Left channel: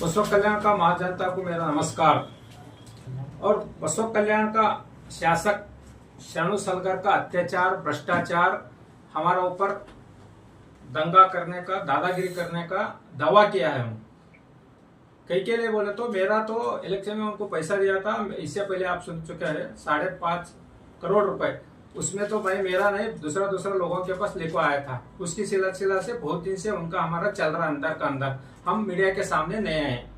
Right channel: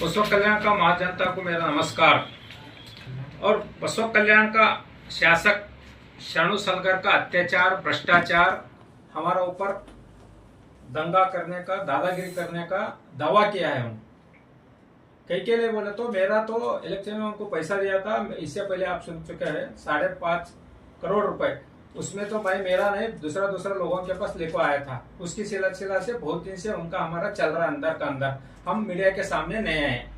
बसव कल्याण का महाजनता को मेरा नमस्कार। और बसव कल्याण का शासक शाणु सलगर का अत्याचार, भ्रष्टाचार, हमारा ऊपर दंगा करने का, दादागिरी करने का दावा किया है। कई के लिए बोले तो मेरा तो इलेक्शन में उनको पैसा दिया था, इससे पहले आप सुन चुके हैं 5.5 करोड़ रुपए। उसमें तो भाई मेरा नहीं, दूसरा लोगों के पास लेकर आया था। उसकी सिलसिला से बहुत दिन से उनका हमारा चल रहा अंदर का अंदर। हम मीडिया के सामने नए आए,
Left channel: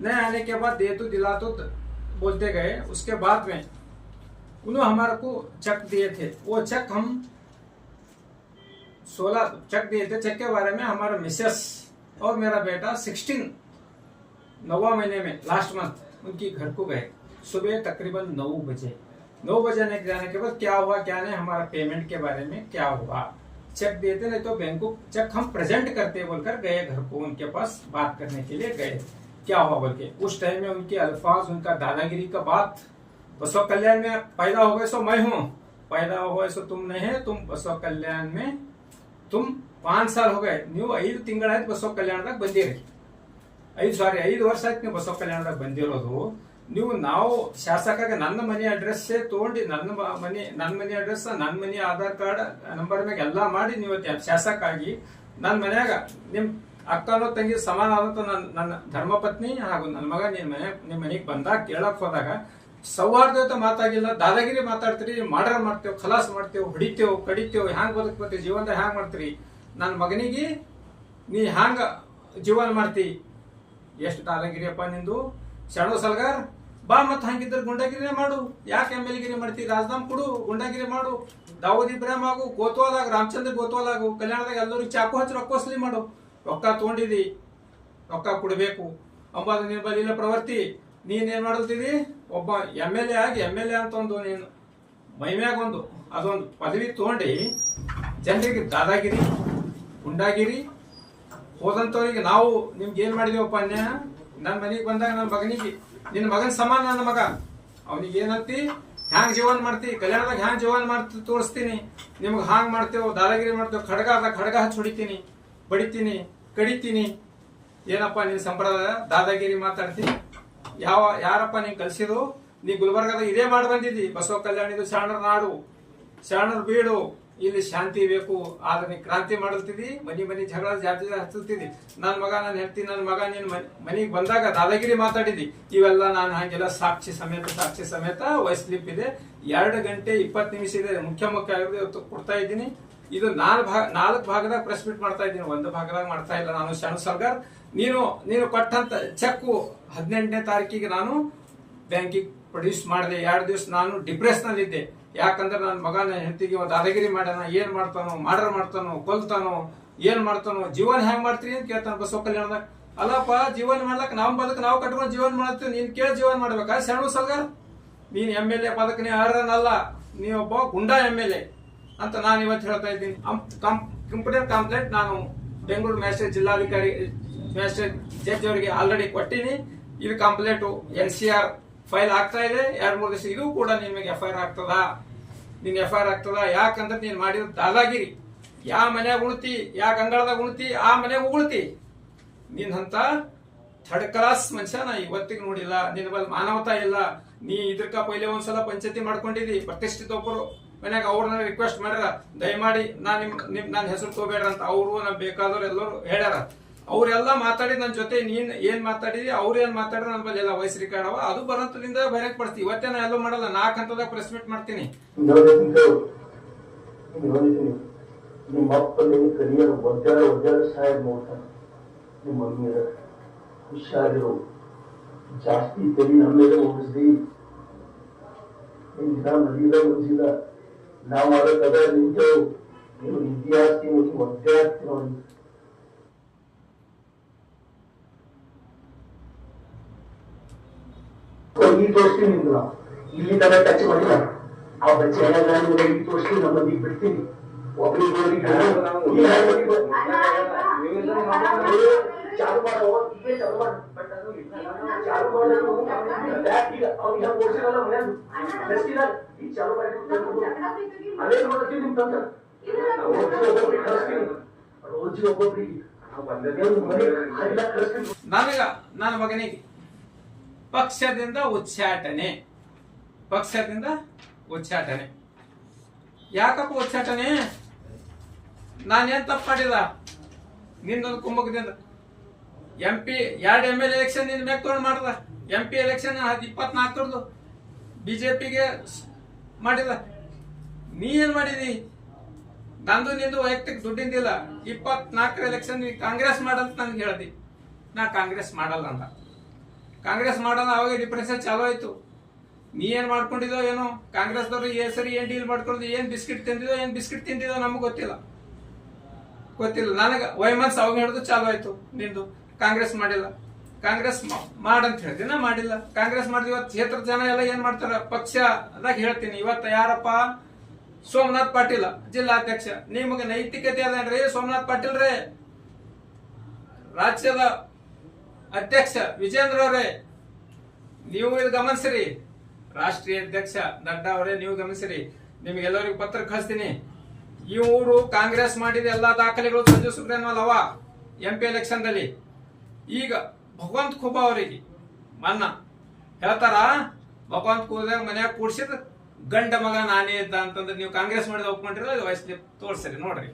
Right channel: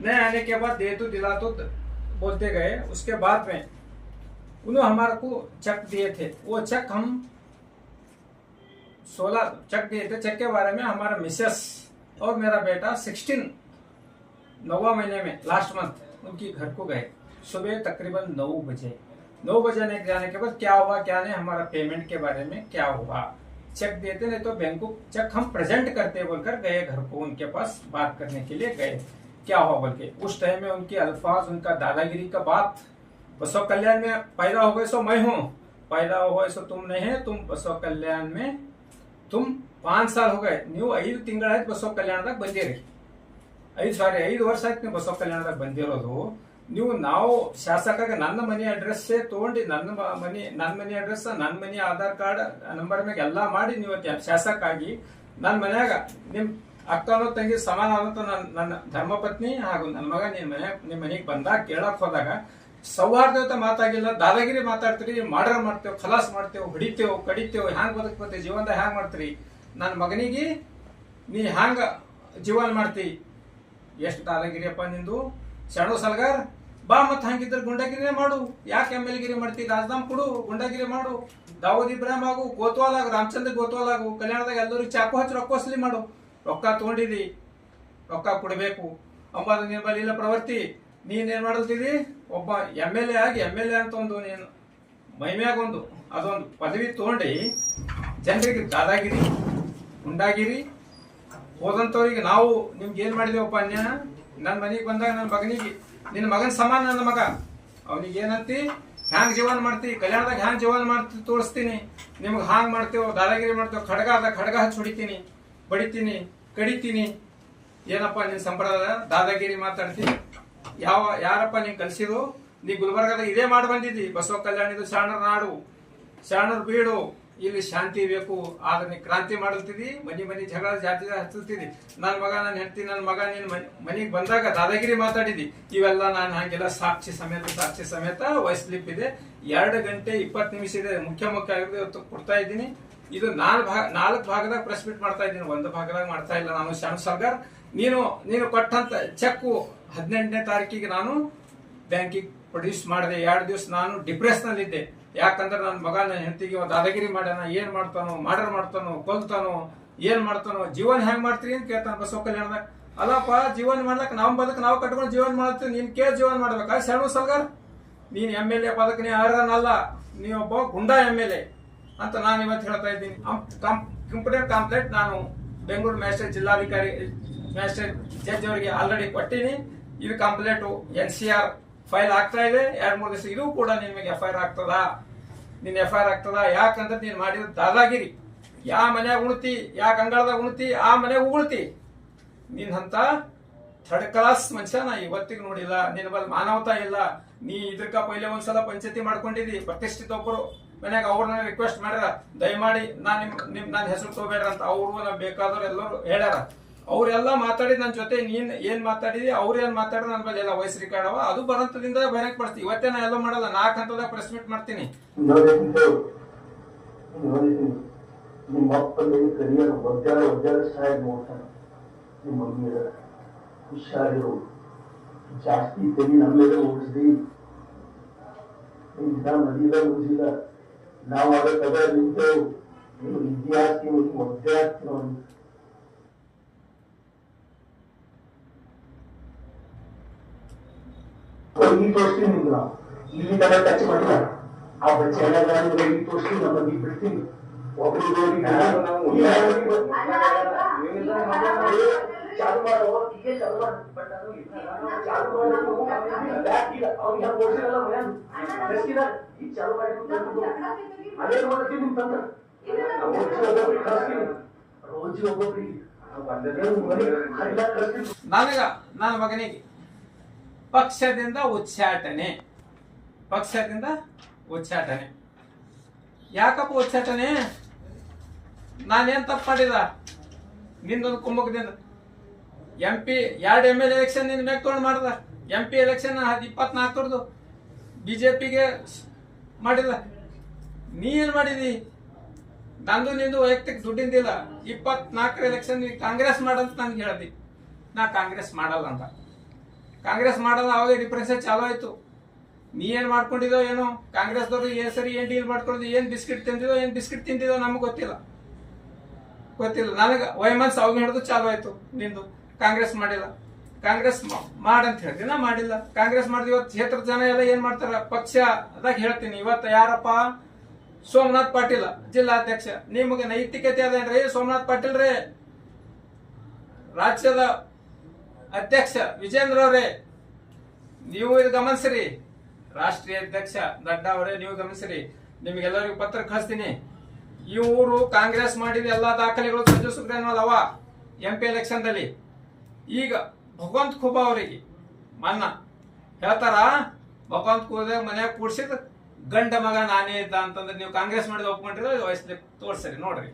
नए आने के बाद दे तो दिला तो बोलते गए। उसके बाद में उन्होंने हमारे को चेक दिए थे। वो चेक हम 16 चेक दिए थे। चेक के बारे में हमारा मिसेस और मेरा बेटा 9वां महीने में लास्ट मंथ उनकी घर को गए। सुबह तकरीबन 9 बजे जाने के बाद क्या हुआ क्या नहीं, हमारा पेमेंट के बारे में क्या हुआ, चेक देते नहीं तो बैंक को चेक हम प्रेजेंट करते बोलकर गए घर को, उनके पास बात करने के लिए गए। क्या हुआ बोल के उस टाइम में उनके अल्फाज, उनका दादागिरी का बात। बसव कल्याण में पैदा हो गए सो मैं हूँ, पैदा हो गए सो तुम नहीं है। तुम बसव कल्याण में तुम 5 साल हो गए, ನೀವು 5 ತಿಂಗಳ ಬಸವ ಕಲ್ಯಾಣದಾಗ ಬಂದಿರಿ। 5 ವರ್ಷ ಆಯ್ತು ನೀವು ಬಸವ ಕಲ್ಯಾಣದಾಗ ಬಂದಿರೋದು। ನೀವು ನಾವು ಶಾಸಕಾಗ ನನ್ನ ಮನೆ ಅಡ್ರೆಸ್ ತಗೊಂಡು ನನ್ನ ಮನೆ ಅಡ್ರೆಸ್, ನನ್ನ ಮನೆ ಆಧಾರ್ ಕಾರ್ಡ್ ನಂಬರ್ ಮ್ಯಾಗ ಎಲ್ಲಾ ಮಾಡಿ ನೀವು ಶಾಸಕ ಆಗಿ ನನ್ನ ಮನ್ಯಾಗ ನಿಮ್ ಅಕ್ಕನೋ ತಂಗಿ ಸಮಾನ ಅಂತ ನನ್ನ ಧರ್ಮಪತ್ನಿ ಹಾಗೂ ನನ್ನ ಮಗ ನಿಮ್ ಮನೆಗೆ ಬಂದಾಗ ಕೇಳಕ್ ಹೋದಾಗ ಸೌಹಾರ್ದತೆ ಮಾತಾಗಿಲ್ಲ, ದಾದಾಗಿರಿ ಮಾತಾಡ್ತೀರಿ, ಮರ್ಡರ್ ಮಾಡ್ತೇವೆ, ಖಲಾಸ್ ಮಾಡ್ತೇವೆ, ಹೊಡಿತೇವೆ, ಕಡಿತೇವೆ, ಹ್ಯಾಂಗ್ ಬದುಕ್ಬೇಕು ಜೀವನದಾಗ ಹ್ಯಾಂಗ್ ಮಾಡ್ತೀರಿ, ನನ್ನ ಮಗನಿಗೆ ನೀ ಹ್ಯಾಂಗ ಜೀವನ ಮಾಡ್ತಿ, ಎಷ್ಟು ದಾದಾಗಿರಿಯಪ್ಪ ನಿಂದು ಶಾಣು ಸಲ್ಗಾರ್। ಬಾ ಮತ್ ಹಂಗಿದ್ರೆ ಗುಂಡಾಗಿರಿ ಮಾಡು, ಯಾಕೆ ML ಗಿರಿ ಮಾಡ್ತಿ, ರಾಜನಾಮ್ ಕೊಡು, ಗುಂಡಾಗಿರಿ ಮಾಡು, ದಾವೂದ್ ಇಬ್ರಾಹಿಂ ಆಗು, ಗೋತ್ವಾಲಾಗು, ರಾಮಚಂದ್ರ ಗೋತ್ವಾಲಾಗು, ಕಲ್ಯಾಣದಾಗ ಎಲ್ಲರೂ ಚಾಕು ಹಚ್ಚಿ ರೊಕ್ಕ ವಸೂಲಿ ಮಾಡು, ರೊಕ್ಕ ತಗೊಂಡಿದಿ ರೊಕ್ಕ ಕೊಡಬೇಕು ಅಂಬಾದ ನಿನ್ ಬಲಿಲ್ಲ ಪ್ರವೃತ್ತಿ। ನೀನೇನ್ ಮಾಡಲ್ತಿದಿ, ಒಬ್ಬ ML ಆಗಿ ML ಅಂತ ಒಂದು ನೀನು ಮೈಮ್ಯಾಗ ಅದೊಂದು ಪದವಿ ತಗೊಂಡಿ ಜನರಿಗೆ ದಾದಾಗಿರಿ, ಗುಂಡಾಗಿರಿ ಹೋದಂತವ್ರಿಗೆ ನಾವು ನಿಮ್ಗೆ ಏನ್ ಮಾಡಿದೇವಪ್ಪ ಅನ್ಯ। ನನ್ನ ಮನೆಗೆ ಬಂದಾಗ ನನ್ನ ಮಗನಿಗೆ ನಿನ್ನ ಮಗನ ಸಮಾನ ನನ್ನ ಮಗ, ಅವನಿಗೆ ಏನಂತಿ ಹ್ಯಾಂಗ್ ಜೀವನ ಮಾಡ್ತಿ, ಕಲ್ಯಾಣದಾಗ ಹ್ಯಾಂಗ್ ಜೀವನ ಮಾಡ್ತಿ ತೋರಿಸ್ತೀನಿ, ನಿಮ್ಗೆ ಹಾಂಗ್ ಮಾಡ್ತೇವೆ, ದಾದಾಗಿರಿ ಮಾಡ್ತೇವೆ, ಖಡ್ಗ ಹಚ್ಚಿ ಹೊಡಿತೀನಿ, ಬಡಿತೀನಿ, ಕಡಿತೀನಿ, ಏನಪ್ಪ ನಿನ್ ಸಂಪ್ರದಾಯ ದಾದಾಗಿರಿ ಮಾತಾಡ್ತೀನಿ, ಯಾರಪ್ಪ ನೀನ್ ಕಲ್ಸಿದ್ರು, ನೀ ಗುಲ್ಬರ್ಗದ ಇದೇ ಮಾಡಿ ಬಂದಿದ್ದಿ, ಬಸವ ಕಲ್ಯಾಣ ಇದು ಶಾಣರ ನಾಡು, ಶಾಣರ್ ಬೀಡು, ಇಲ್ಲಿ ಶಾಂತಿ ಬೇಕು, ಆದ್ರೆ ನೀ ಕ್ರಾಂತಿ ಮಾಡಲ್ತಿದಿ, ಮನಿ ಜಗಳ ಜಾತಿ ಹಚ್ಚಲ್ತಿದಿ, ನನ್ ಮಗ ನನ್ನ ಹೆಂಡತಿ ನನ್ನ ಮಗ ನಿನ್ ಮನಿಗೆ ಬಂದಾಗ ದಾದಾಗಿರಿ ಮಾತಾಡಿದಿ, ಇವೆಲ್ಲ ನಾನು ಹಂಗೆಲ್ಲ ಸಾಕ್ಷಿ ಸಮೇತ ವಾಯ್ಸ್ ಕ್ಲಿಪ್ ಇದೆ, 2 ಗಂಟೆ 20 ನಿಮಿಷ ಇದೆ, ಮುಖ್ಯ ಆಗಿರೋದು ಕೊಡ್ತಾ ಇದ್ದೀನಿ। ಇದು 4 ಭಾಗದಾಗ ಪ್ರೆಸ್ ಮೀಟ್ ಮಾಡ್ತಾ ಇದ್ದೀನಿ, 1 ಭಾಗದಾಗ ಮಾಡ್ತಾ ಇಲ್ಲ ನಾನು। ಶಾಣು ಸರ್ಗಾರ್ ನೀನು ಕೊಟ್ಟಂತ ಚೆಕ್ 18ನೇ ತಾರೀಕಿಗೆ ನಾನು ಬ್ಯಾಂಕಿಗೆ ಪ್ರೊಡ್ಯೂಸ್ ಮಾಡಿದೆ। 2 ದಿವಸ ನಾನು ಡಿಪ್ರೆಸ್ ನಲ್ಲಿ ಇದ್ದೆ, ಯಾಕಂದ್ರೆ ನನ್ನ ಮಗ ನನ್ನ ಹೆಂಡತಿಗೆ ದಾದಾಗಿರಿ ಮಾಡ್ಯಾನ, ಏನ್ ಮಾಡ್ತಾನೋ, ಮರ್ಡರ್ ಮಾಡ್ತಾನೋ, ಕೊಲ್ತಾನೋ, ಏನ್ ಮಾಡ್ತಾನೋ, ಜೀವನ ಹೆಂಗ್ ಮಾಡ್ತೀರಿ ಅಂತ ಕೇಳ್ತಾನ ಬಸವ ಕಲ್ಯಾಣದಾಗ। ಅಲ್ಲಪ್ಪ ಜೀವನ ಮಾಡ್ಲಕ್ ನಾವು ನಾವು ಕಟ್ಕೊಂಡು ಜೀವನ ಮಾಡ್ತೀವಿ, ನೀನ್ ಕೇಳಿ ಜೀವನ ಮಾಡ್ಬೇಕಾ ಶಾಣು ಸರ್ಗಾರ್? ನೀನ್ MLA ಪದಕ ನೀ ಅರ್ಹನಲ್ಲ, ನೀ ಒಬ್ಬ ಗುಂಡಾ MLA ಅಂತ ನಾನು ಇವತ್ತು ಹೇಳ್ತಾ ಇದ್ದೀನಿ। ಕಂಪ್ಲೇಂಟ್ ನಾನು ಬೆಂಗಳೂರು ಮ್ಯಾಜಿಸ್ಟ್ರೇಟ್ ಜಿಲ್ಲಾಧಿಕಾರಿ ಮ್ಯಾಜಿಸ್ಟ್ರೇಟ್ ಜಡ್ಜ್ ಅವರಿಗೆ ಆಲ್ರೆಡಿ ಕೊಟ್ಟಿನಿ। ಇದು ಕಂಪ್ಲೇಂಟ್ NCR ಫೈಲ್ ಆಗ್ತಾ ಇದೆ, 2-3 ದಿವಸ ಇದು ಕೂಡ ನಿಮಗೆ FIR ಆಗ್ತದ, ನಿನ್ FIR ಆಗ್ತದ। ಯಾಕಂದ್ರೆ ನೀನ್ ಮಾಡಿದ ದಾದಾಗಿರಿ, ಯಾವ ಮನ್ಯಾಗ ಉಣ್ತಿ, ಯಾವ ಗಂಗಾಳದಾಗ ಉಣ್ತಿ, ಆ ಮನೆಯಾಗ ಉಗುಳ್ತಿ, ನೀನ್ ಅಂತ 3rd ಕ್ಲಾಸ್ ಮನುಷ್ಯ ನಾ ಇವತ್ತಿಗೆ ನೋಡಿಲ್ಲ, ನಿನ್ ಬಲ್ ಮಾನವತಾ ಇಲ್ಲ। ನೀ ಇದಕ್ಕ ಪೈಲೆ ಒಂದ್ಸಲ ಪಂಚಾಯತಿ ಮಾಡ್ಕೊಂಡಿದಿ, ಪ್ರತಿಷ್ಠಿತ ಒಬ್ಬರು ಮನ್ಯಾಗ ಅವ್ರನ್ನ ರಿಕ್ವೆಸ್ಟ್ ಮಾಡ್ಯಾರ, ದಯಮಾಡಿ ನನ್ನ ಹೆಸರು ತಗೋಬೇಡ್ರ ಅಂತ, ಅವ್ರು ಬೇಕಾದವ್ರು ಎಲ್ಲರೂ ಹೇಳ್ಯಾರ, ಅವ್ರೆಲ್ಲ ಮಾತಾಡಿ ನನ್ನ ಜೊತೆ ನೀನ್ ಏನ್ ಮಾತಾಡಿದಿ, ಅವ್ರು ಏನ್ ಮಾತಾಡ್ರ ನನ್ನ ಬಲ್ಲಿ ಎಲ್ಲ ವಾಯ್ಸ್ ರೆಕಾರ್ಡ್ ಅವ, ಅದು ಬರಂತದಿಂದ ಬರಕ್ ಪಡ್ತಿ। ಇವತ್ತೇ ನಾ ಎಲ್ಲ ಮಾಡಲ್ಲ, 4 ಹಂತದಾಗ ಪ್ರೆಸ್ ಮೀಟ್ ಮಾಡ್ತೀನಿ। ನಿಮ್ಮ ಅಪ್ಪಲ್ಲಿ ಕರಿಯರ್ ಒದ್ದಾಡ ಸಾಯದ್ ನೋಡ್ತಾನ, ನಿಮ್ಮ ಮಮ್ಮಿಯರ ಹುಷಾರಿರು, ಜಾಸ್ತಿ ತೆರಿ ನಮ್ಮೇಲೆ ಓಡಿಸ್ರಿ, ನಿಮ್ ದಿನ ನದಿಲ್ಲ ಓದಿಲ್ಲ, ನಾವು ಅದಕ್ಕದ ನಿಂತೇವು, ನೀವು ವಿದ್ಯಾರ್ಥಿ ನೋಡಿ ಒದ್ದಾಡ್ತಿ ನೋಡಿ। ಈ ತೋರಿಸ್ತೀನಿ ನಿಮ್ಗೆ, ನಾವು ಇಲ್ಲಿ ತನಕ ಟಚ್ ಮಾಡಿಲ್ಲ, ಆ ಬಚ್ಚೆ ಈ ತೋರಿಸ್ತೀನಿ, ನಮ್ಮಲ್ಲಿ ಬಿಡ್ತೀನಿ, ಒಬ್ಬರಿಗೆ ಚಾಲು ಮಾಡೋ ಈಗ ಚಾಲು ಮಾಡಿ, ಬಟ್ ಅದು ಚಾಲು ಮಾಡೋದು ಈಗ ಅವ್ರು ಹೆಂಗ್ ಓಡಿಸಿರಲ್ಲ ಮನೆಯಾಗ ಈಗ ಚಾಲು ಮಾಡಿ ಅದೇ ಮಾಡ್ತೀನಿ ನಿಮ್ ತಂತ್ರ, ರೋಜಿ ಒಬ್ಬೊಬ್ರಿಗೆ ನನಗ ನನ್ನ ಮಗನಿಗೆ ಪಕ್ಷದಿಂದ ಉಚ್ಚಾಟನೆ ಯಾಕಪ್ಪ ಉಚ್ಚಾಟನೆ? ನಾನೇನ್ ತಪ್ಪು ಮಾಡಿದ? ನಿಂದೊಂದು ಕುಮ್ಮಕದಿಂದ MP 2 ML ಎಲೆಕ್ಷನ್ ನಿನ್ ಮ್ಯಾಗ ತಗೊಂಡು ಮಾಡ್ದ. MP ಎಲೆಕ್ಷನ್ 24 ಬಿಜೆಪಿಗೆ ಮಾಡಿದ. ನೀ ಏನ್ ಮಾಡಿದಿ? ನಂದು ನಿಂದು ವೈಯಕ್ತಿಕ ದುಡ್ಡಿಂದಿಲ್ಲ. 24 ಎಲೆಕ್ಷನ್ ಕಾಂಗ್ರೆಸ್ ಮಾಡಂತ ನನ್ಗೆ ಹೇಳ್ದಿ. ನಾ ಕಾಂಗ್ರೆಸ್ ಮಾಡಲ್ಲ ಅಂತ. ಕಾಂಗ್ರೆಸ್ ಮಾಡಲ್ಲ, ಅವಾಗ ರಿಪ್ರೆಷನ್ ಚಾಲು ಆಯ್ತು. ನೀ ಏನ್ ಮಾಡ್ಕೊಂಡಿದೋ ಏನೋ, ಕಾಂಗ್ರೆಸ್ದವ್ರು ಸರಿ ಏನ್ ಡೀಲ್ ಮಾಡ್ಕೊಂಡಿದ್ವಿ, ಏನ್ ಬಿಸ್ಕಿಟ್ ತಿಂದಿದೋ ನಮ್ಗೆ ಗೊತ್ತಿಲ್ಲ. ನನಗ ವೈಮನ್ಸ್ ಅವಾಗ ಹಿಡಿದು ಚಾಲು ಆಯ್ತು ನಿಂದು. ಕಾಂಗ್ರೆಸ್ ಮಾಡಿಲ್ಲ, ಕಾಂಗ್ರೆಸ್ ಮಾಡಂತ ಹೇಳ್ತೀನಿ, ನಾ ಮಾಡಿಲ್ಲ. ಕಾಂಗ್ರೆಸ್ ಮಾಡಿದ ಇವತ್ತು ಕ್ಷೇತ್ರದ ಜನ ಎಲ್ಲ ಏನ್ ಮಾಡ್ತಾರ, ಪಕ್ಷ ಅದಾಗ ಹೇಳ್ತೀನಿ. ಇವತ್ತು ಯಾರಪ್ಪ? ಸೋಮನಾಥ್ ಪಾಟೀಲ್ ಜಿಲ್ಲಾಧ್ಯಕ್ಷ. ನಿಮಗೆ ನೈತಿಕತೆ ಅದೇನ್ರಿ ಸೋಮನಾಥ್ ಪಾಟೀಲ್ ರೇ? ರಾಜ್ಯದ ಅಧ್ಯಕ್ಷ ವಿಜೇಂದ್ರ ಅವರೇ, ನೀವು ಇದು ಗಮನಿಸ್ರಿ. ರಾಷ್ಟ್ರೀಯ ಅಧ್ಯಕ್ಷ ನಡ್ಡಾ ಅವರೇ, ನೀವು ಗಮನಿಸ್ರಿ. ನಿಮ್ಗೆಲ್ಲರಿಗೂ ಪತ್ರ ಕಳಿಸ್ತೀನಿ. ಇವರು ಕಾಂಗ್ರೆಸ್ ಮಾಡಿದ ಎಲ್ಲಾ ದಾಖಲೆಗಳು ಸಂಜು ಸುಬ್ರಹ್ಮಣ್ಯ ಅವ MP ಎಲೆಕ್ಷನ್ ದಲ್ಲಿ. ಈಗ ಭಗವಂತ ಖೂಬಾ ಅವರಿಗೆ ಮನ್ನ ಹೇಳ್ತಾರ, ಭಗವಂತ ಖೂಬಾ ಮನೆಯಾಗ ಕೂಡ್ಸಿದ್ ಗಂಡ ಮಗ ನಾನೇ ಇದ್ದ ಅಂತಂದ್ರೆ ನೀವು ಕಾಂಗ್ರೆಸ್ ಮಾಡಿದ ಒಪ್ಕೊಂಡಿರೋ ವಯಸ್ಸು ತೋರ್ಸರಿ ನೋಡ್ರಿ.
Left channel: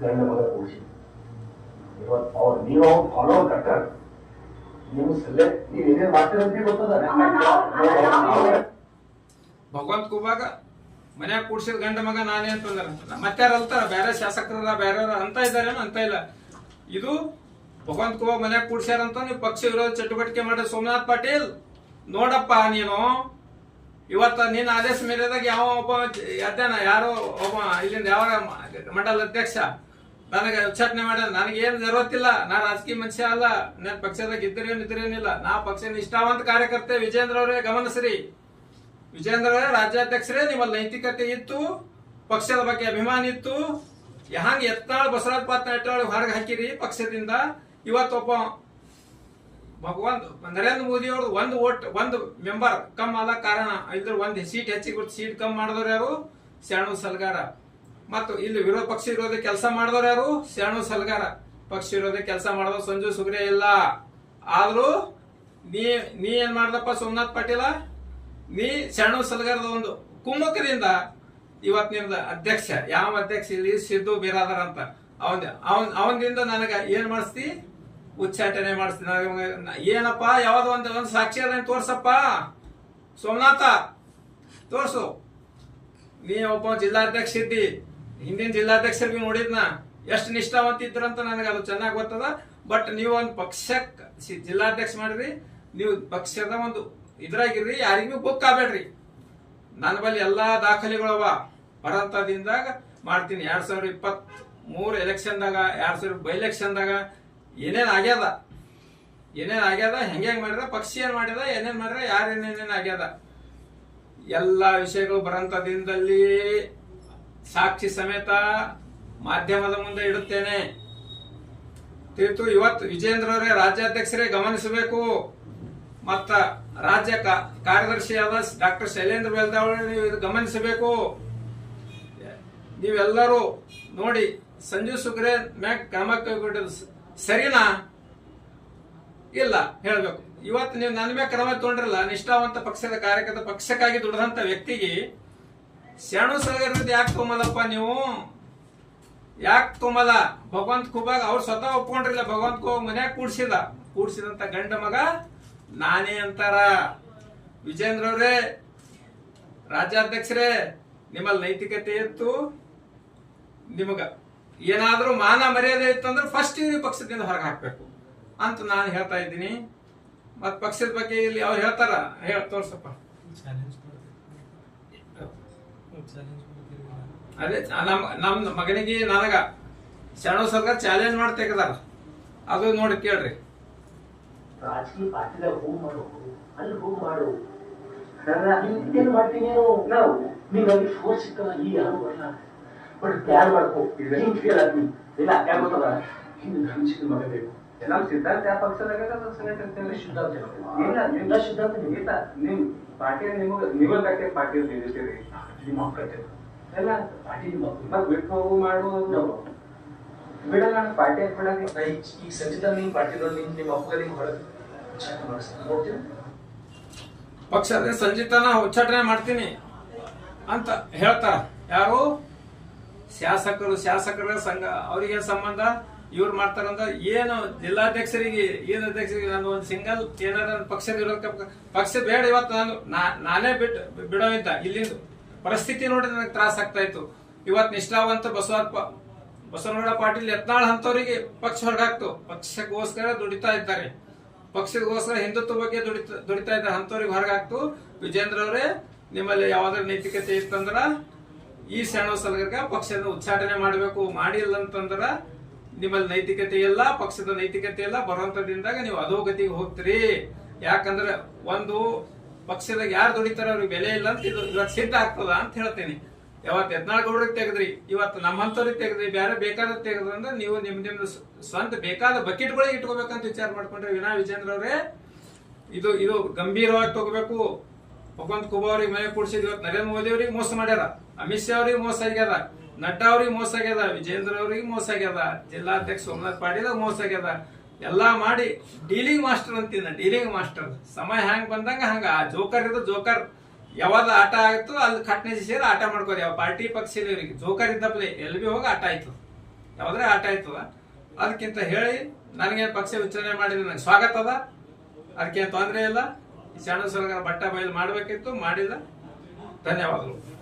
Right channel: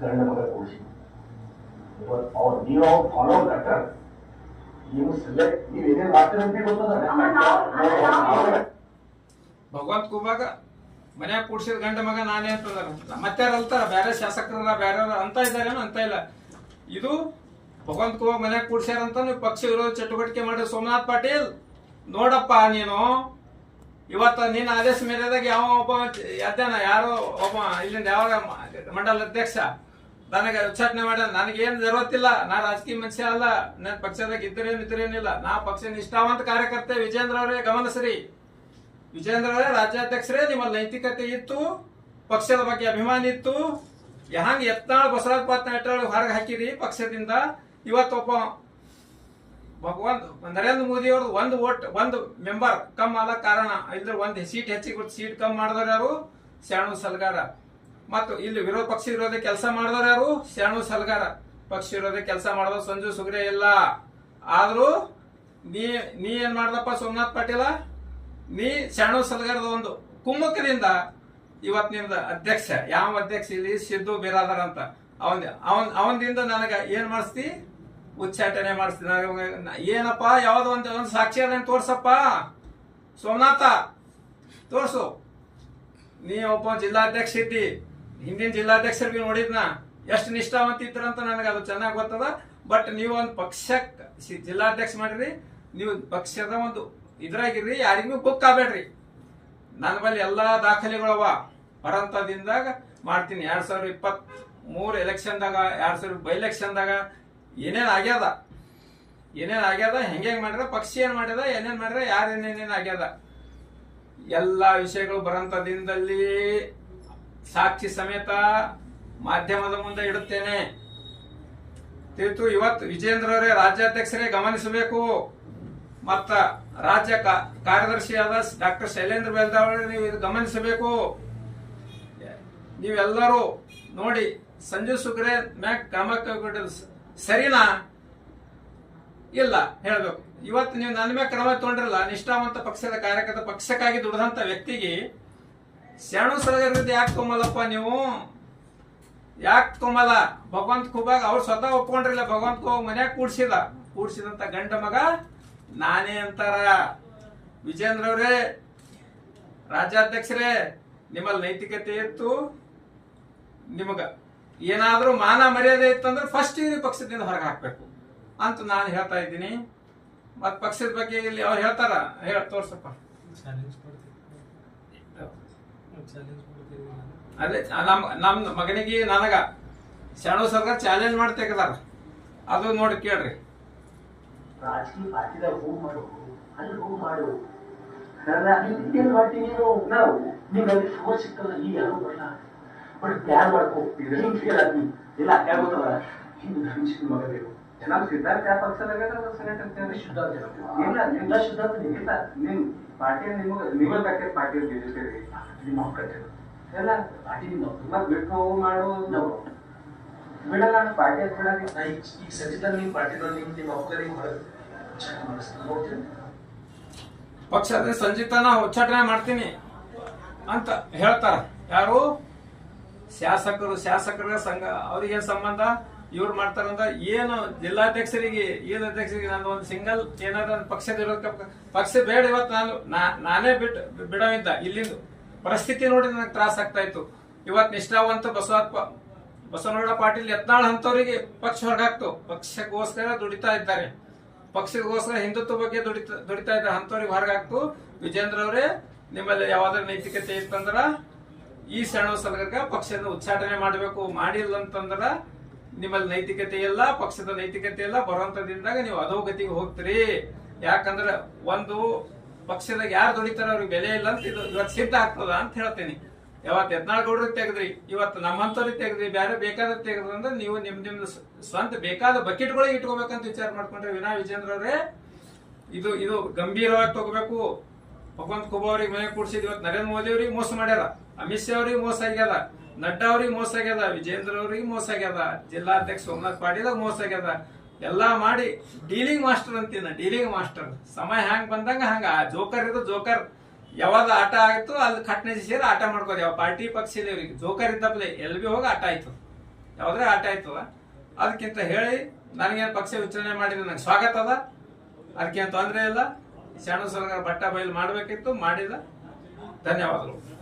ಗಂಡ ಮಗ ಕೂಡಿಸಿ ಇವತ್ತು ಅವ್ರು ನೀವು ಫಾಲೋ ಕಟ್ಟಾರ. ನೀವು ಸೆಲೆಕ್ಟ್ ನೀವು ಏನೇನು ಮಾಡ್ತೀರಂತ ಗೊತ್ತದ. ಭಗವಂತ ಖೂಬಾಗ ಮನ್ಯಾಗ ಕೂಡ್ಸಿದ ಗಂಡ ಮಗ ನಾನೇ ಅಂತಂದ್ರ ಮತ್ತಾರ ಅಲ್ತಾರ, ಬೇರೆ ಶಾಸಕರ ಬೇರೆ ಅಂತ ಇದಾರೇನೋ ಅಂತ ಇಲ್ಲ. ಇದು ಭಗವಂತ ಖೂಬಾ ಮನ್ಯಾಗ ಕೂಡ್ಸ್ಯಾರಂತ ನೀವು ಪಕ್ಷ ವಿರೋಧ ಚಟುವಟಿಕೆ ಮಾಡಿದ ಸೋಮನಾಥ್ ಪಾಟೀಲ್ ನೋಡಪ್ಪ. ನೀನು ಇವತ್ತ ನಿನ್ನ ಆದೇಶ ಮೇರೆದಾಗ ಯಾವ ಒಬ್ಬ ಅಧ್ಯಯನ ಯಾರೋ ಒಬ್ಬ ಇಲ್ಲಿಂದ ಯಾವ ಮಂಡಲ ಅಧ್ಯಕ್ಷ ನನಗೆ ಉಚ್ಚಾಟನೆ ಮಾಡ. ನನಗೇನು ಜರುವತ್ತಿಲ್ಲ. ನಾ ರಾಜಕೀಯ ಮನುಷ್ಯ ಅಲ್ಲ. ನನ್ನ ಪಕ್ಷದಾಗ ಇದ್ರೇನಿಲ್ಲ. ನಾ ಪಕ್ಷ ನಿಷ್ಠಾವಂತ ಕಾರ್ಯಕರ್ತೆ. ವಿಜೇಂದ್ರ ಅವರೇ ಗಮನಿಸ್ರಿ. ವಿಜೇಂದ್ರ ಅವರೇ ರಾಜ್ಯಾಧ್ಯಕ್ಷರೇ, ನಿಮ್ಮಲ್ಲಿ ನೈತಿಕತೆ ಇತ್ತು, ಪಕ್ಷದ ಬಗ್ಗೆ ಅಭಿಮಾನ ಇತ್ತು. ಹಂಗ ಯತ್ನಾಳ್ ಬಸವರಾಜ್ ಪಾತ್ನಾಳ್ ಹೊರಗೆ ಹಾಕಿರಿ ಪಕ್ಷದಿಂದ. ಇವತ್ತೊಬ್ಬ ನರೇಂದ್ರ ಮೋದಿ ಅವ್ರದ್ದು ಒಂದು ಮೆಂಬರ್ ಕಮ್ ಅಲ್ಲ ಕಾರಣ ಇದ್ರ ಒಂದು ಸೀಟ್ ಹೆಚ್ಚಿಗೆ ಸೀಟ್ ಕಮ್ ಮಾಡಿದವ್ರು ಯಾರು? ಶಾಣು ಸಲ್ಗಾರ. ಮತ್ತು ಇಲ್ಲಿ ಪಕ್ಷ ವಿರೋಧ ಕೆಲಸ ಮಾಡಿದವ್ರು ಯಾರು? ಶಾಣು ಸಲ್ಗಾರ. ಪಕ್ಷ ವಿರೋಧ ಕೆಲಸ ಮಾಡಿದವ್ರು ಸಂಜು ಸುಗ್ರೆ ಇಲ್ಲ. ಆದ್ರೂ ನೀ ಏನ್ ಮಾಡ್ದಪ್ಪ ಸೋಮನಾಥ್ ಪಾಟೀಲ? ನೀ ಶಾಣು ಸಲ್ಗಾರದ ಒಂದು ಕುಮ್ಮಕದಿಂದ ಇವತ್ ನಿಮ್ದ ಅಧ್ಯಕ್ಷ. ಯಾವ ಅಧ್ಯಕ್ಷ ಇಲ್ಲಿ? ಸಿದ್ದು ಬಿರಾದರ್ ಅಂತ. ಅವನಿಂದ ನನಗ ಏನ್ ಮಾಡಿಸ್ತಿ? ಉಚ್ಚಾಟನೆ ಮಾಡಿಸ್ತೀನಿ. ಏನಪ್ಪ ಯಾವ್ದೋ ಒಂದು ಸಾಕ್ಷಿ ಅದನ್ನ ತೋರ್ಸಪ್ಪ ಸೋಮನಾಥ, ತೋರ್ಸು. ನೀ ಒಬ್ಬ ಜಿಲ್ಲಾಧ್ಯಕ್ಷ ಇದ್ದಿ. ಹಿಂದಿನ ಜಿಲ್ಲಾಧ್ಯಕ್ಷರು ಬಿ ನೋಡಿದ್ನ ಎಷ್ಟು ನಿಷ್ಠಾವಂತ ಇದ್ರಂತ ನನಗೆ ಅದು ಚೆನ್ನಾಗಿ ಗೊತ್ತದ. ಬಟ್ ನೀವು ಒಂದು ಪಕ್ಷಕ್ಕೆ ಜಿಲ್ಲಾಧ್ಯಕ್ಷ ಮಾಡಿರಿ, ನೀವು ಪಕ್ಷದ ಒಂದು ಇದ್ರಾಗಿರ್ರಿ, ಯಾರಿಗೂ ಬುಕ್ ಆಗಬೇಡ್ರಿ. ನನ್ನ ಬಳಿ ಎಲ್ಲಾ ದಾಖಲೆಗಳವ. ಬರಂತದಿಂದಾಗ ಮಾಡ್ತೀನಿ. 2023 ಎಲೆಕ್ಷನ್ದಾಗ, 2000 ಬೈ ಎಲೆಕ್ಷನ್ದಾಗ ಏನೇನ್ ಆಗ್ಯದ, ಹೆಂಗ್ ಮಾಡ್ಯಾರ, ಪಕ್ಷ ಏನ್ ಮಾಡ್ಯದ, ಏನೇನ್ ಮಾಡ್ಯಾರ, ಯಾರೇನೇನೇನ್ ಆಗ್ಯದ ಎಲ್ಲಾ ವಿಷಯಗಳು ಬರಂತದಿಂದಲ್ಲಿ ಸಾಕ್ಷಿ ಸಮೇತ ಮಾಧ್ಯಮದ ಮುಂದೆ ಇಡುತ್ತೇನೆ. ತಿಳಿತು. ಇವತ್ತು ವಿಜೇಂದ್ರ ಅವರೇ ರಾಜ್ಯಾಧ್ಯಕ್ಷರೇ ಗಮನಿಸಬೇಕು. ಮತ್ತ ರಾಜ್ಯ ಕಾರ್ಯದರ್ಶಿಯಾದ ಡಾಕ್ಟರ್ ಶೈಲೇಂದ್ರ ಬೆಲ್ದಾವಳಿ ನೀವು ಇದು ಗಮನಿಸಬೇಕು. ನೀವೆಲ್ಲರೂ ನೋಡಿ ಸಂಜು ಸುಗ್ರೆ ಮ್ಯಾಕ್ ಕ್ರಮಕ್ಕೆ ಸರಿನಾ ಇಲ್ಲ ಹೇಳ್ಬೇಕು. ಇವತ್ತು ನೀವು ನನ್ನ ಮ್ಯಾಗ ಕ್ರಮ ತಗೊಂಡ್ರಲ್ಲ, ನಿಷ್ಠಾವಂತ ಪಕ್ಷದ ಕಾರ್ಯಕರ್ತ, ಪಕ್ಷಕ್ಕಾಗಿ ದುಡಿದಂತ ವ್ಯಕ್ತಿಗೆ ಶಾಣು ಸಲಗರದ ಯಾಕೆ ತೊಂಬಲ್ಲಪ್ಪ ನೀವು? ಯಾಕೆ ತೊಂಬಲ್ಲ? ಭಗವಂತ ಖೂಬಾಗ ಅವ್ರು ಸ್ವತಃ ಒಪ್ಕೊಂಡ್ರಿಲ್ಲ. ಭಗವಂತ ಖೂಬಾಗ ಮನ್ಯಾಗ ಕೂಡ್ಸಿದಂತ ಗಂಡ ಮಗ ನಾನೇ ಅಂತಾರ. ವಿಜೇಂದ್ರ ಅವರೇ ರಾಜ್ಯಾಧ್ಯಕ್ಷರೇ, ನಿಮ್ಮಲ್ಲಿ ನೈತಿಕತೆ ಇತ್ತು, ನಿಮಗ ಏನಾದ್ರೂ ಮಾನ ಮರ್ಯಾದೆ ಇತ್ತಂದ್ರೆ ಫಸ್ಟ್ ಪಕ್ಷದಿಂದ ಹೊರಗೆ ಹಾಕ್ಬೇಕು ಅಂತ ನಾನು ಹೇಳ್ತಾ ಇದ್ದೀನಿ. ಮತ್ ಪಕ್ಷದ ಬಗ್ಗೆ ಇಲ್ಲಿ ಅವ್ರು ಹೇಳ್ತಾರ, ತೋರ್ಸಪ್ಪ. ಅದೇ ನಮ್ ಮಗನಿಗೆ ನನಗ ಶಾಣು ಸರ್ಕಾರ ಚಾಲೆಂಜ್ ಮಾಡಿ ತೆಗೆದಾರ. ಅದು ನೋಡಿ ಕೇಳ್ರಿ. ರಾಜಕೀಯ ಪಾರ್ಟಿದಾಗ ಹೋಗಿ ಮಾಡು, ಅಲ್ಲಿ ಹೋಗಿ ಮಾಡು. ಏನು ಮಾಡ್ತೀನಿ ನಾವು ನೀವು ಅಲ್ಲಿ ಫೋರ್ಸ್ ಸಿಕ್ಕಲ್ಲ, ಈಗ ಯಾರು ಬರಲ್ಲ. ಬಟ್ ಪ್ಯಾರ್ ಮಾಡ್ಕೋ, ಹಿಂಗ್ ಫೇಲ್ ಆಗ್ತೀನಿ ಇಲ್ಲ. ಯಾಕೆ ಗೊತ್ತಲ್ಲ, ಹಿಂಗೆ ಧರ್ಮಿಸಿದ ಮಗ ಬೇಕು. ನಮ್ಮ ಸಿದ್ಧಾಂತ ಯಾವ ಪಕ್ಷದಾಗ ಸಿದ್ಧಾಂತ ಇಲ್ಲ ನಿಮ್ಮ ಸಿದ್ಧಾಂತ ಇಲ್ಲ ನಿಮ್ ಪಾರ್ಟಿ ನಿಮಗೆ ಬೇಕಾದ ಪಾರ್ಟಿ ನಿಲ್ಲಿಸ್ತೀರಿ ನಿಮ್ಮ ಮಕ್ಕಳು ಎಲ್ಲ ಪಾರ್ಟಿ ಮತ್ತೆ ಬಿಟ್ಟು ಮಾಡುವುದು ಬಿಡಲ್ಲ ನಾನು ಪಾರ್ಟಿ ಅಂತ ಬಿಡಲ್ಲ ಈಗ ಸಂಚಿತ ನಿಮ್ಮ ಪಾರ್ಟಿದವ್ರು ನಿಮ್ಮ ಅಪ್ಪಗ ನಿಮ್ಮ ಹೊರಗೆ ನೋಡ್ತೀನಿ ಪಕ್ಷದ ಸಂಜಿತನ ಉಚ್ಚಾಟನೆ ಮಾಡ್ತೀನಿ ಅಂತ ಹೇಳ್ತಾರ ಯಾರು ಶಾಸಕರ ಸಂಘ ಅವ್ರಿಗೆ ಸಂಬಂಧ ಇವ್ರು ಮಾಡ್ತಾರಂತ ಏನು ಜಿಲ್ಲಾಧ್ಯಕ್ಷರಿಗೆ ಅಧ್ಯಕ್ಷರಿಗೆ ನಾನು ಒಂದು ಸಿಂಗಲ್ ಏನಾರ ಪಕ್ಷದ ಪಕ್ಷ ಬೇಡ ಇವತ್ತು ನಾನೇ ಬಿಡೋವಿದ್ದ ಇಲ್ಲಿಂದ ಪರಿಸ್ಥಿತಿ ನೋಡಿ ನನಗೆ ತ್ರಾಸ ಆಗ್ತಾ ಇತ್ತು ಇವತ್ತು ನಿಷ್ಠಾವಂತ ಬಸವನಗೌಡ ಪಾಟೀಲ್ ಯತ್ನಾಳ್ ಅಂತವರಿಗೆ ಪಕ್ಷ ಹೊರಗಾಕ್ತು ಪಕ್ಷಕ್ಕೋಸ್ಕರ ದುಡಿತಾ ಇದ್ದಾರೆ ಪಕ್ಷಕ್ಕೋಸ್ಕರ ಹಿಂದುತ್ವ ಬಗ್ಗೆ ದುಡಿತಾ ಇದ್ದಾರೆ ಅಂತವ್ರಿಗೆ ಹೊರಗಾಕ್ತು ವಿಜೇಂದ್ರ ಅವರೇ ನಿಮ್ಮಲ್ಲಿ ಯಾವ್ದಾರ ನೈತಿಕತೆ ಇತ್ತಂದ್ರ ಈ ಶರಣ ಸಲಗರ್ಗ ಪಕ್ಷದ ಉಚ್ಚಾಟನೆ ಮಾಡಬೇಕು ಮಾಡಿಲ್ಲ ಅಂತಂದ್ರ ನಿಮ್ಮಲ್ಲಿ ನೈತಿಕತೆ ಇಲ್ಲ ಪಕ್ಷದ ನೈತಿಕತೆ ಇಲ್ಲ ಬರುವಂತದಿಂದಾಗ ನೀವು ಅಧೋಗತಿಗೆ ಹೋಗ್ತೀರಿ ಯಾಕಂದ್ರ ಒಂದು ಪಕ್ಷದಾಗ ಯಾರು ದುಡಿತಾರ ಅವ್ರಿಗೆ ಬೆಲೆ ಇಲ್ಲ ಅಂತ ಇದು ಇವತ್ತು ಸಿದ್ಧ ಆಗ್ತದ ಅಂತ ಹೇಳ್ತೀನಿ ಯಾವತ್ತು ಯತ್ನಾಳಗೌಡ್ರಿಗೆ ತೆಗೆದ್ರಿ ಇವತ್ತು ನಮ್ಮಂತವ್ರಿಗೆ ತೆಗೆದ್ರಿ ಬೇರೆ ಬೇಕಾದ ತೆಗೆದ್ರಂದ್ರೆ ನೀವು ನಿಮ್ದು ಸ್ವಂತ ಬೇಕಾದ ಬಕೆಟ್ಗಳಿಗೆ ಇಟ್ಕೋಬೇಕಂತ ವಿಚಾರ ಮಾಡ್ಕೊಂಡ್ರೆ ವಿನಾ ವಿಜೇಂದ್ರ ಅವರೇ ಇದು ಗಂಭೀರವಾಗಿ ತಗೋಬೇಕು ಭಗವಂತ ಖೂಬಾ ಅವ್ರಿಗೆ ಮನೆ ಕೂಡಿಸಿದ್ ಇವತ್ತು ನರೇಂದ್ರ ಮೋದಿ ಅವ್ರಿಗೆ ಮೋಸ ಮಾಡ್ಯಾರ ಅಮಿತ್ ಶಾ ಅವ್ರಿಗೆ ಮೋಸ ಆಗ್ಯದ ನಡ್ಡಾ ಅವ್ರಿಗೆ ಮೋಸ ಆಗ್ಯದ ವಿಜೇಂದ್ರ ಅವ್ರಿಗೆ ಮೋಸ ಆಗ್ಯದ ಜಿಲ್ಲಾಧ್ಯಕ್ಷ ಸೋಮನಾಥ್ ಪಾಟೀಲ್ ಮೋಸ ಆಗ್ಯದ ಎಲ್ಲಾ ಮಾಡಿ ಡೀಲಿಂಗ್ ಮಾಸ್ಟರ್ ಅಂತೀನ ಡೀಲಿಂಗ್ ಮಾಸ್ಟರ್ ಸಮಯ ಹ್ಯಾಂಗ್ ಬಂದಂಗ ಹಂಗ ಜೋಕರ್ ಇದು ಜೋಕರ್ ಯಾವಾಗ ಆಟ ಆಯ್ತು ಅಲ್ಲಿ ಕಟ್ನೆ ಸೇರಿ ಆಟ ಮಾಡ್ಕೋದು ಯಾವ ಪಾರ್ಟಿ ಪಕ್ಷದವ್ರಿಗೆ ಜೋಕರ್ ಇದ್ದಪ್ಲೆ ಎಲ್ಲಿ ಬಿ ಹೋಗಿ ಆಟ ಆಯ್ತು ಯಾವ್ದ್ರೆ ಆಟ ಆಯ್ತದ ಅದಕ್ಕಿಂತ ಹೇಳಿ ನನಗೇನು ಪಕ್ಷ ವಿಚಾರಣೆ ಮಾಡಿದ್ರೆ ನಂಗೆ ಸ್ವಾಗತ ಅದ ಅದಕ್ಕೇನು ತೊಂದರೆ ಇಲ್ಲ ಶರಣ ಸಲಗರ ಬಟ್ಟ ಬಯಲು ಮಾಡ್ಬೇಕಿತ್ತು ಮಾಡಿದ ಧನ್ಯವಾದಗಳು